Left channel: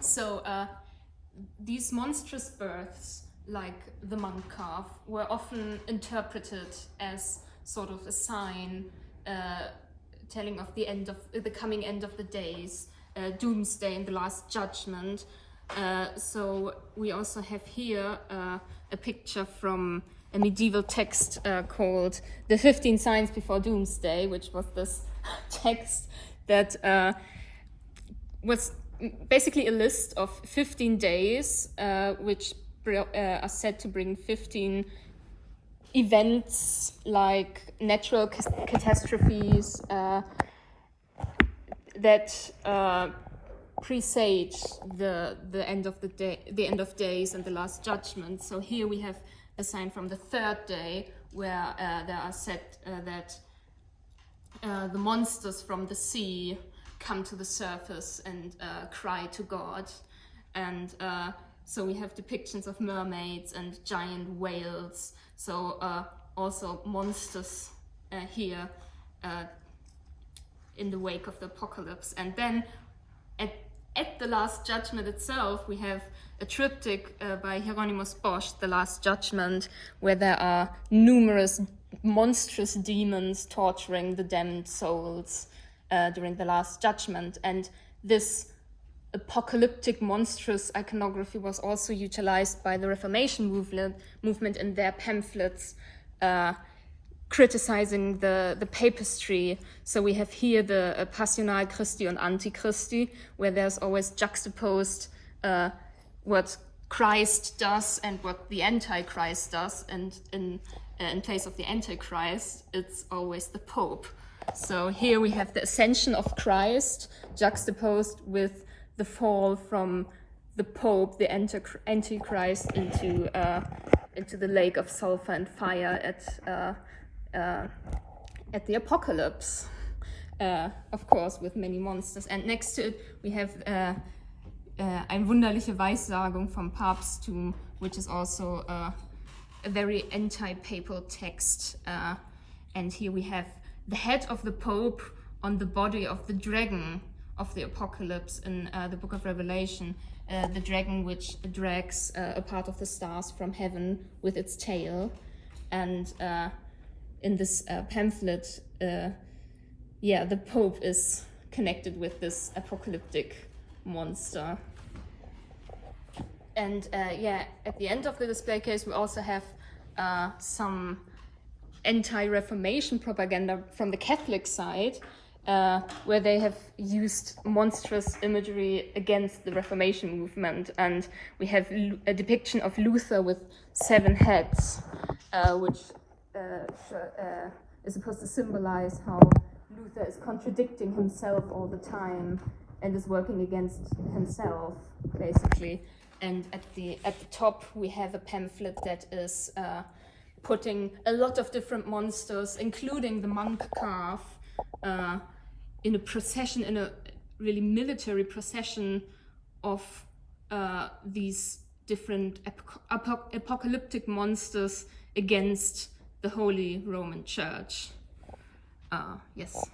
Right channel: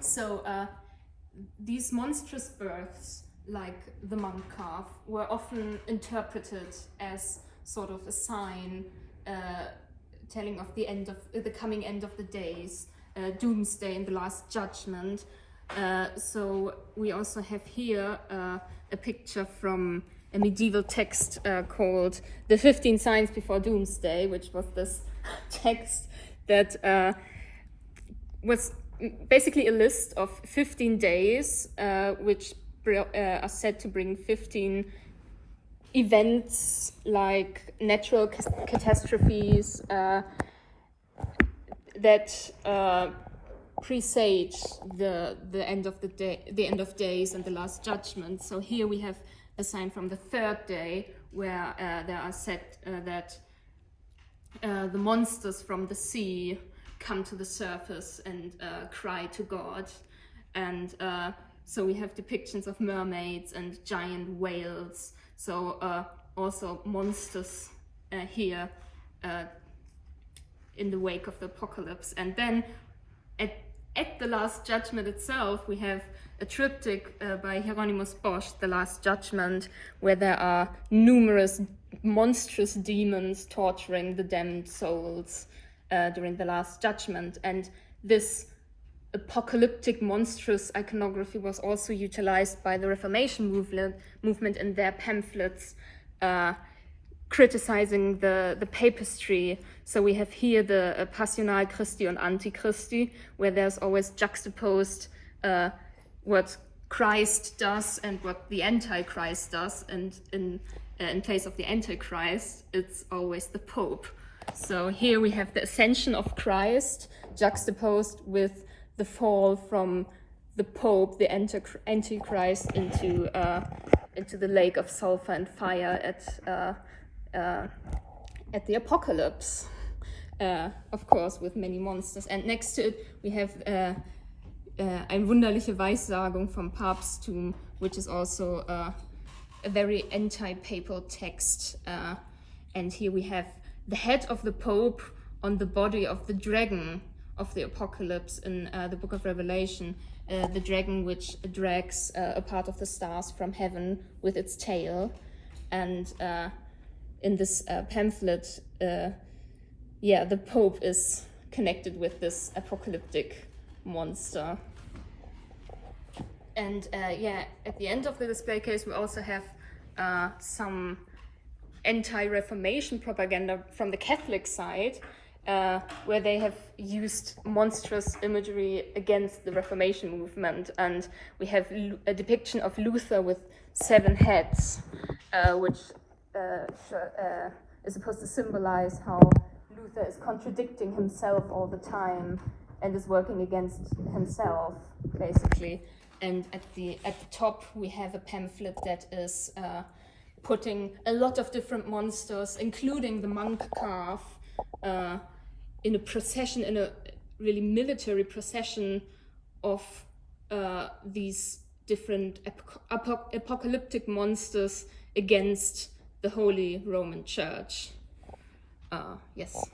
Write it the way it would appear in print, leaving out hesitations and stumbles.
So these monstrous births, like the monk calf, were often interpreted as sort of a sign telling of the coming end of the days, doomsday and the Last Judgement. So we also have here a picture from a medieval text called The 15 Signs Before Doomsday, which was this text that was basically a list of 15 days which are said to bring 15 events like natural catastrophes that presage the end of the day, the end of days, and the Last Judgment. So here we have a sign from the third day where there are said that the monsters from the sea come to the surface and cry to God, and so we have depictions of mermaids and giant whales. So also monsters here in the wake of the apocalypse. And then at the Last Judgment itself, we have a triptych by Hieronymus Bosch, The Last Judgement, where there are numerous monstrous demons torturing the damned souls during the Last Judgment. And this apocalyptic monstrous iconography was also utilized by the Reformation movement in their pamphlets criticizing the papistry. So we have here the Passional Christi and Antichristi, where there's always juxtaposed what Christ does and what the Antichrist does, and in place of the Antichrist, it's always the Pope. So here we have the ascension of Christ juxtaposed with the fall from the Pope, the Antichrist, into the lake of sulfur and fire at the apocalypse, of course, with many monsters. And next to it, we have eine wunderliche Weyssagung from Babstumb, which is also a very anti-papal text. And here we have the head of the Pope on the body of the dragon of the apocalypse in the book of Revelation, the dragon which drags a part of the stars from heaven with its tail. And in this pamphlet, the Pope is connected with this apocalyptic monster. And at the end of the display case, we also have some anti-Reformation propaganda from the Catholic side, where they have used monstrous imagery against the Reformation movement. And we have a depiction of Luther with 7 heads, which is supposed to symbolize how Luther is contradicting himself all the time and is working against himself, basically. And at the top, we have a pamphlet that is putting a lot of different monsters, including the monk calf, in a procession, in a really military procession of these different apocalyptic monsters against the Holy Roman Church. Yes.